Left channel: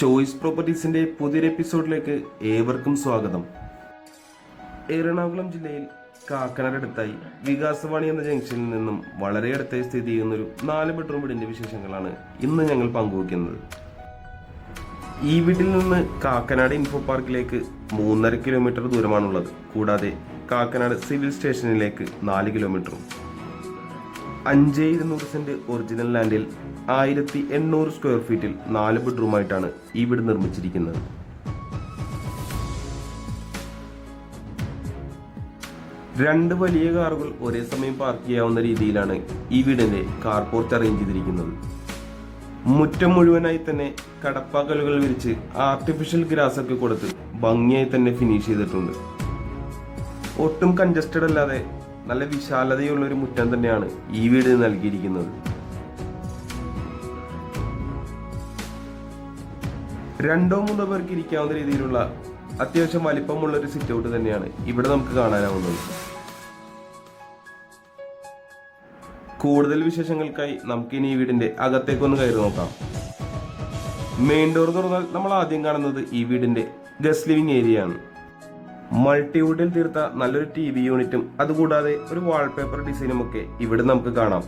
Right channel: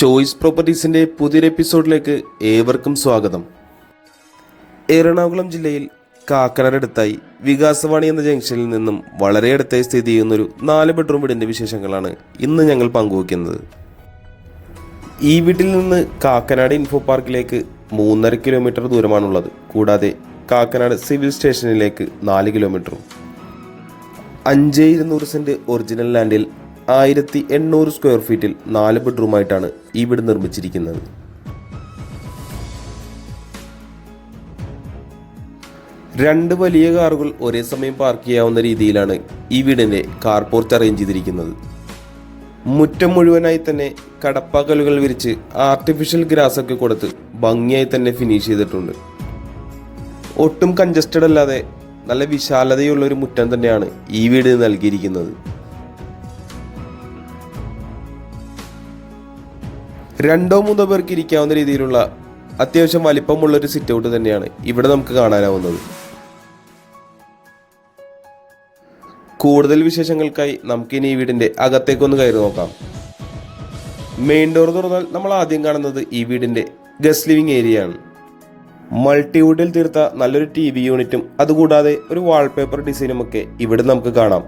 Choice പ്രോപ്പർട്ടീസിൻ്റെ പുതിയൊരു എപ്പിസോഡിലേക്ക് ഏവർക്കും സ്വാഗതം. എറണാകുളം ജില്ലയിൽ കാക്കനാടടുത്തായി വികാസവാണി എന്ന ജംഗ്ഷനിൽ നിന്നും വളരെ അടുത്തായി സ്ഥിതി ചെയ്യുന്നൊരു 4 ബെഡ്റൂം വീടിൻ്റെ വിശേഷങ്ങളാണ് ഇന്ന് ഞങ്ങൾ പങ്കുവയ്ക്കുന്നത്. ഈ വീട്ടിൽ നിന്ന് കാക്കനാട് ഇൻഫോ പാർക്കിലേക്ക് 3.5 കിലോമീറ്റർ ദൂരമാണുള്ളത്. കൂടാതെ കാക്കനാട് സിവിൽ സ്റ്റേഷനിലേക്ക് 4 കിലോമീറ്ററും. 5200 സെൻറ്റ് ഒറിജിനൽ ലാൻഡിൽ 1800 സ്ക്വയർ ഫീറ്റിൽ 4 ബെഡ്റൂമായിട്ടാണ് ഈ വീട് നിർമ്മിച്ചിരിക്കുന്നത്. രണ്ട് വലിയ കാറുകൾ ഒരേ സമയം പാർക്ക് ചെയ്യാവുന്ന രീതിയിലാണ് ഈ വീടിൻ്റെ കാർ പോർച്ച് അറേഞ്ച് ചെയ്തിരിക്കുന്നത്. മുറ്റം മുഴുവനായി തന്നെ കടപ്പാക്കലുകൾ വിരിച്ച് ആർട്ടിഫിഷ്യൽ ഗ്രാസ് ഒക്കെ കൊടുത്ത് ഭംഗിയായി തന്നെ ഫിനിഷ് ചെയ്തിട്ടുണ്ട്. ഒട്ടും കൺജസ്റ്റഡ് അല്ലാതെ നല്ല വിശാലതയുള്ള ഒരു മുറ്റം തന്നെയാണ് ഈ വീട് നൽകിയിരിക്കുന്നത്. 2-3 പേർക്ക് ഇരിക്കാവുന്ന രീതിയിലുള്ള അത്യാവശ്യം വലിപ്പമുള്ള ഒരു സിറ്റ് ഔട്ട് തന്നെയാണ് ഇവിടെ നമുക്ക് കാണാനാവുന്നത്. കൂടുതൽ വിശേഷങ്ങൾക്കായി നമുക്കിനി ഈ വീടിന്റെ അകത്തേക്കൊന്ന് കയറി നോക്കാം. മെയിൻ ഡോർ തുറന്നാൽ നമ്മൾ ആദ്യം കാണുന്നത് ഈ വീടിന്റെ ഗസ്റ്റ് ലിവിംഗ് ഏരിയ ആണ്. മൾട്ടിവുഡിൽ തീർത്ത നല്ലൊരു TV യൂണിറ്റും അതുകൂടാതെ ഒരു വാൾപേപ്പർ ഡിസൈനും ഒക്കെ ഇവിടെ നമുക്ക് കാണാം.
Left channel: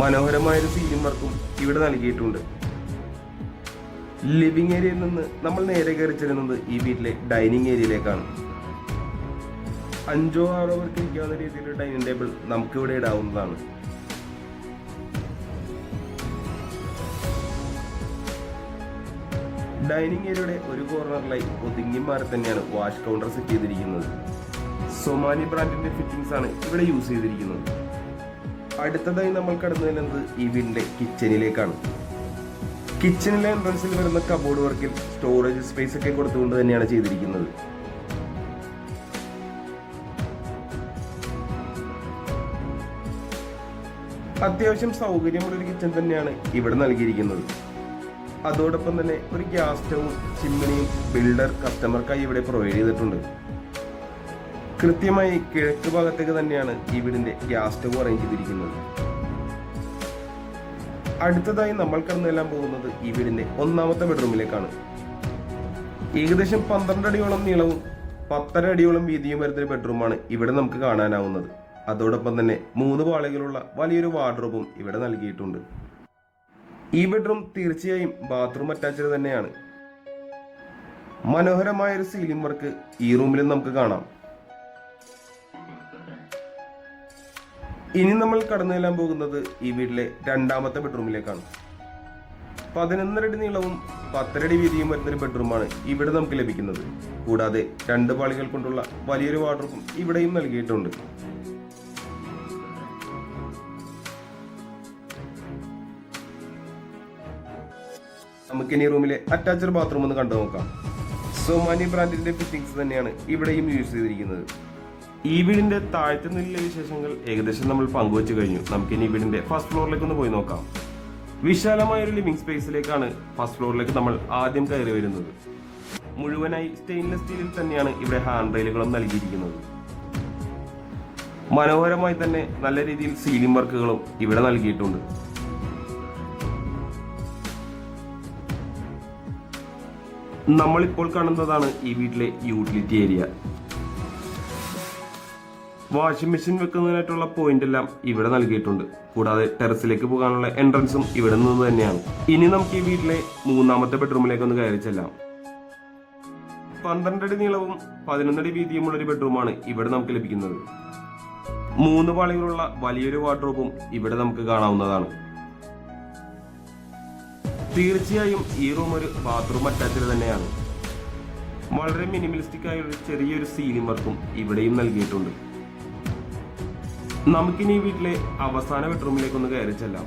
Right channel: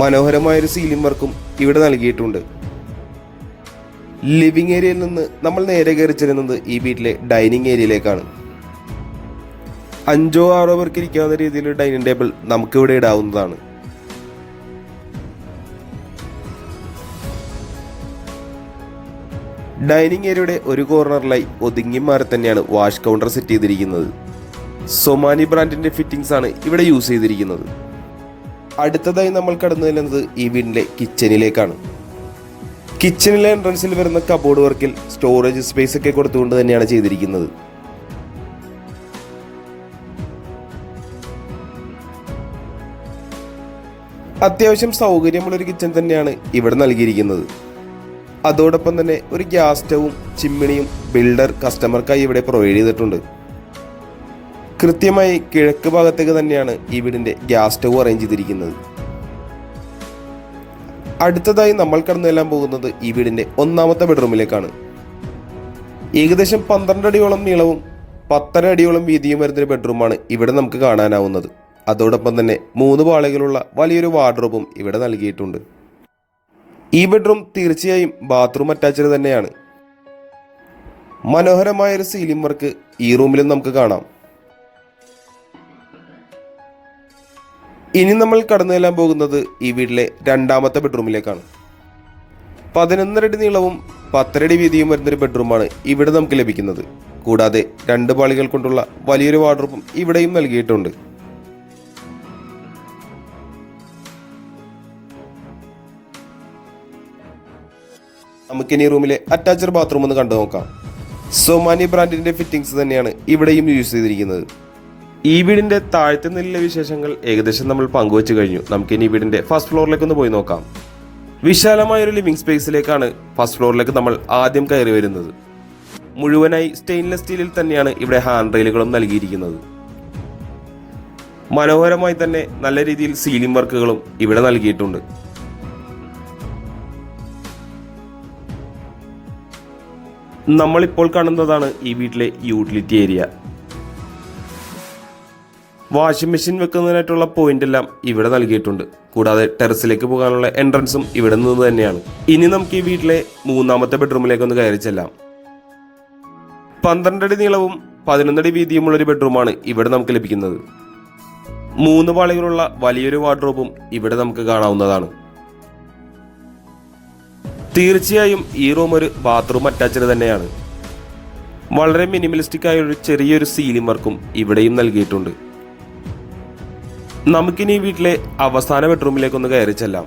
മനോഹരമായൊരു സീലിംഗ് വർക്കും ഇവിടെ നൽകിയിട്ടുണ്ട്. ലിവിംഗ് ഏരിയയിൽ നിന്ന് നമ്മൾ നേരെ കയറി ചെല്ലുന്നത് ഈ വീട്ടിലെ ഡൈനിങ് ഏരിയയിലേക്കാണ്. 5-6 പേർക്ക് ഇരിക്കാവുന്ന രീതിയിലുള്ള ഡൈനിങ് ടേബിൾ നമുക്കിവിടെ ഇടാവുന്നതാണ്. ഡൈനിങ് ഏരിയയുടെ ഒരു കോർണറിലായി ഒതുങ്ങി മാറി തന്നെയാണ് വാഷ് കൗണ്ടർ സെറ്റ് ചെയ്തിരിക്കുന്നത്. സൊമാനി ബ്രാൻഡിന്റെ ഫിറ്റിംഗ്സ് ആണ് ഇവിടെ യൂസ് ചെയ്തിരിക്കുന്നത്. അടുത്തതായി നമ്മൾ കടന്നു ചെല്ലുന്നത് ഈ വീടിന്റെ കിച്ചണിലേക്കാണ്. കിച്ചണിലെ എൻട്രൻസിൽ വരുന്ന കബോർഡ് വർക്കിൽ സ്റ്റോറേജ് സ്പേസ് ഒക്കെ കൊടുത്തുകൊണ്ട് തന്നെയാണ് ചെയ്തിരിക്കുന്നത്. അത്യാവശ്യം സൗകര്യമുള്ളൊരു കിച്ചൺ തന്നെയാണ് ഇവിടെ നൽകിയിരിക്കുന്നത്. അതോടൊപ്പം തന്നെ ഒരു ഗ്യാസ് സ്റ്റവും ചിമ്മിണിയും ബിൽഡർ കസ്റ്റമർക്കായി ഇവിടെ പ്രൊവൈഡ് ചെയ്തിട്ടുണ്ട്. കൃത്യമായി കിഴക്ക് ഭാഗത്തേക്ക് തന്നെയാണ് ഈ വീടിന്റെ ഗ്യാസ് സ്റ്റവ് അറേഞ്ച് ചെയ്തിരിക്കുന്നത്. അടുത്തതായി നമ്മൾ കടന്നു ചെല്ലാൻ പോകുന്നത് ഈ വീടിന്റെ 1ാമത്തെ ബെഡ്റൂമിലേക്കാണ്. ഏകദേശം 12 അടിയോളം നീളവും 10.5 അടിയോളം വീതിയും വരുന്നൊരു ബെഡ്റൂമാണ് ഇവിടെ നമുക്ക് കാണാനാവുന്നത്. അതോടൊപ്പം തന്നെ 3 പാളികളുള്ള വലിയൊരു വാർഡ്രോബും ഇവിടെ നൽകിയിട്ടുണ്ട്. ഈ ബെഡ്റൂം തീർച്ചയായും ബാത്റൂം അറ്റാച്ച്ഡ് തന്നെയാണ്. മനോഹരമായൊരു സീലിംഗ് വർക്ക് ഈ റൂമിലും നമുക്ക് കാണാം. ഇനി നമ്മൾ കടന്നു ചെല്ലാൻ പോകുന്നത് ഈ വീട്ടിലെ 2ാമത്തെ ബെഡ്റൂമിലേക്കാണ്. 11 അടി നീളവും 10 അടി വീതിയും വരുന്നൊരു ബെഡ്റൂമാണ് ഇവിടെ നമുക്ക് ലഭിക്കുന്നത്. കൂടാതെ 2 പാളികൾ കൊണ്ടുള്ള വലിയൊരു വാർഡ്രോബും ഇവിടെയും നൽകിയിട്ടുണ്ട്. നമുക്കിനി റൂമിലെ അറ്റാച്ച്ഡ് ബാത്റൂം ഒന്ന് കണ്ടു നോക്കാം. സൊമാനി ബ്രാൻഡിന്റെ ഫിറ്റിംഗ്സ് തന്നെയാണ് ഇവിടെയും യൂസ് ചെയ്തിരിക്കുന്നത്. ഈ വീടിന്റെ താഴത്തെ നിലയിലെ വിശേഷങ്ങൾ ഏകദേശം നമ്മൾ പങ്കുവച്ചു കഴിഞ്ഞു. നമുക്കിനി ഈ വീടിന്റെ ഫസ്റ്റ് ഫ്ലോറിലേക്ക് ഒന്ന് പോയി നോക്കാം. വിശാലമായ ഒരു ലിവിംഗ് സ്പേസിലേക്കാണ് ഫസ്റ്റ് ഫ്ലോറിലേക്ക് നമ്മൾ ആദ്യം കയറി വരുന്നത്. മുഴുവനായി സ്റ്റെയിൻലെസ് സ്റ്റീലിൽ തന്നെയാണ് ഇവിടെ ഹാൻഡ് റെയിലുകളും നൽകിയിരിക്കുന്നത്. മനോഹരമായി തന്നെ നല്ല രീതിയിൽ സീലിംഗ് വർക്കുകളും ഇവിടെ നൽകിയിട്ടുണ്ട്. നമ്മളിപ്പോൾ കാണുന്നതാണ് ഈ വീട്ടിലെ യൂട്ടിലിറ്റി ഏരിയ. വാഷിംഗ് മെഷീൻ വെക്കുന്നതിനായിട്ടുള്ള പോയിന്റ് എല്ലാം ഇവിടെ നൽകിയിട്ടുണ്ട്. കൂടാതെ ടെറസിലേക്ക് പോകാനുള്ള എൻട്രൻസും ഇവിടെ നിന്ന് തന്നെയാണ്. ഇനി നമുക്ക് ഈ വീട്ടിലെ 3ാമത്തെ ബെഡ്റൂമിലേക്ക് ഒന്ന് കയറി ചെല്ലാം. 12 അടി നീളവും 11 അടി വീതിയുമുള്ളൊരു ബെഡ്റൂമാണ് ഇവിടെ നമുക്ക് ലഭിക്കുന്നത്. 3 പാളികളുള്ള വലിയൊരു വാർഡ്രോബും ഇവിടെ നമുക്ക് കാണാവുന്നതാണ്. തീർച്ചയായും ഈ റൂം ഒരു ബാത്റൂം അറ്റാച്ച്ഡ് തന്നെയാണ്. വളരെ മിനിമലിസ്റ്റിക് ആയ ഒരു ചെറിയൊരു സീലിംഗ് വർക്കും ഇവിടെയും നൽകിയിട്ടുണ്ട്. നമുക്കിനി ഈ വീട്ടിലെ അവസാന ബെഡ്റൂമിലേക്കൊന്ന് കയറി ചെല്ലാം.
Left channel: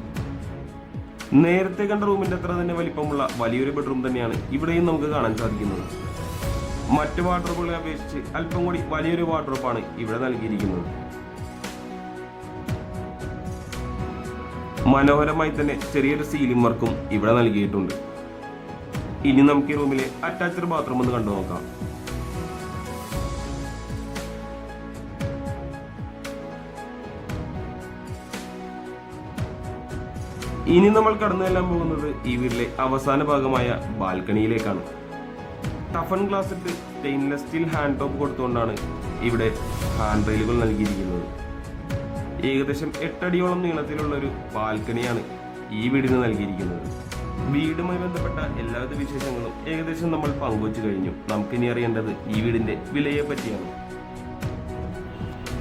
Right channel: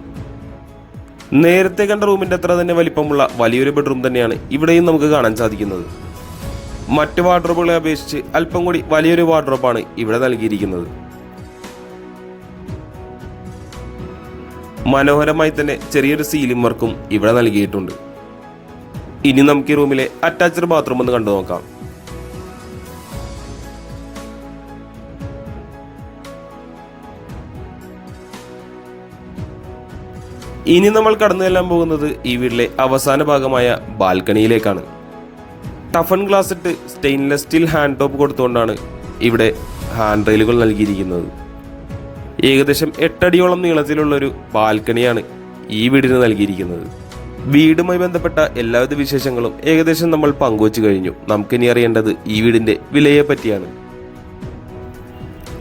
നേരത്തെ കണ്ട റൂമിന്റെ അത്ര തന്നെ വലിപ്പമുള്ള വലിയൊരു ബെഡ്റൂം തന്നെയാണ് ഇവിടെയും നമുക്ക് കാണാൻ സാധിക്കുന്നത്. മറ്റു വാർഡ്രോബുകളെ അപേക്ഷിച്ച് അല്പം കൂടി വലിയൊരു വാർഡ്രോബാണ് ഇവിടെ നൽകിയിരിക്കുന്നത്. മനോഹരമായി തന്നെ ചെറിയൊരു സീലിംഗ് വർക്കും ഇവിടെ നൽകിയിട്ടുണ്ട്. ഇനി നമുക്ക് ഈ റൂമിലെ അറ്റാച്ച്ഡ് ബാത്റൂം ഒന്ന് കണ്ടു നോക്കാം. ഇനി നമ്മൾ കടന്നു ചെല്ലാൻ പോകുന്നത് ഈ വീട്ടിലെ അവസാന ഭാഗമായ ബാൽക്കണിയിലേക്കാണ്. ടഫൻ ഗ്ലാസ് ഇട്ട് സ്റ്റെയിൻലെസ് സ്റ്റീൽ ഹാൻഡ് ടോപ്പ് കൊടുത്തുകൊണ്ടാണ് ഇവിടെ ഹാൻഡ് റെയിലുകൾ നൽകിയിരിക്കുന്നത്. ഏകദേശം 8 അടിയോളം നീളത്തിലുള്ളൊരു ബാൽക്കണിയാണ് ഈ വീടിന് നൽകിയിരിക്കുന്നത്. വീടുമായി ബന്ധപ്പെട്ട എല്ലാവിധ വിശേഷങ്ങളും ഏകദേശം നമ്മൾ പങ്കുവച്ചു കഴിഞ്ഞു. നമുക്കിനി അറിയേണ്ടത് ഈ വീടിന്റെ വിലയെ പറ്റിയാണ്.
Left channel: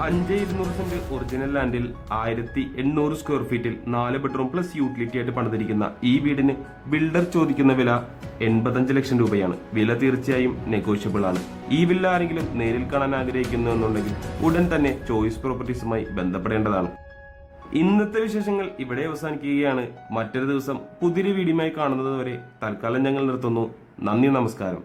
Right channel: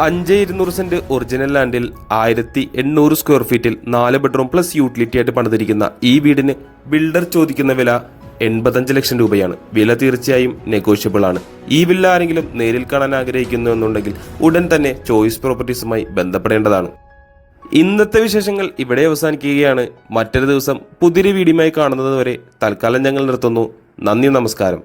5,200 സെന്റ് ഒറിജിനൽ ലാൻഡിൽ 1,800 സ്ക്വയർ ഫീറ്റിൽ 4 ബെഡ്റൂം പ്ലസ് യൂട്ടിലിറ്റി ആയിട്ട് പണിതിരിക്കുന്ന ഈ വീടിന് ബിൽഡർ ചോദിക്കുന്ന വില 85 ലക്ഷം രൂപയാണ്. വില തീർച്ചയായും നെഗോഷ്യബിൾ ആണ്. ഈ വില്ല ആരെങ്കിലും നേരിൽ കാണാൻ ആഗ്രഹിക്കുന്നു എന്നുണ്ടെങ്കിൽ ഉടൻ തന്നെ ചോയ്സ് പ്രോപ്പർട്ടീസുമായി ബന്ധപ്പെടേണ്ടതാണ്. ഇന്നത്തെ വിശേഷങ്ങൾ ഇവിടെ അവസാനിക്കുകയാണ്. മറ്റൊരു ദിവസം പുതിയൊരു വീഡിയോയുമായി കാണുന്നത് വരെ തൽക്കാലം ഞങ്ങൾ നിർത്തുന്നു. നന്ദി, നമസ്കാരം.